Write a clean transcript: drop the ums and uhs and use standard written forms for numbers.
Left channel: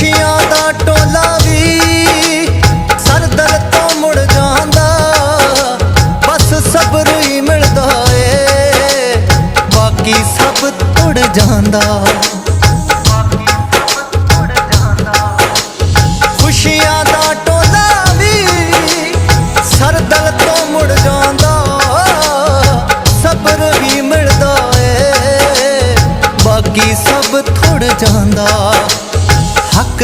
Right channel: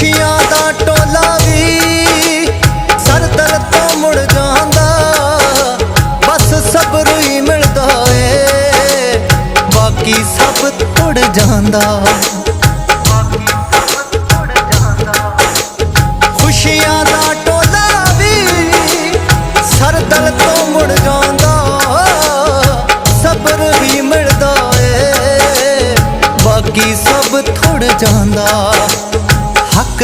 खुशियां दा टोला भी सरदल तो मुड़ जांदा, बस सब्र ही मिलदा ए, बाकी सब तुड़ जांदा। खुशियां दा टोला भी सरदल तो मुड़ जांदा, सब्र भी मिलदा ए, बाकी सब थोड़ जांदा। हक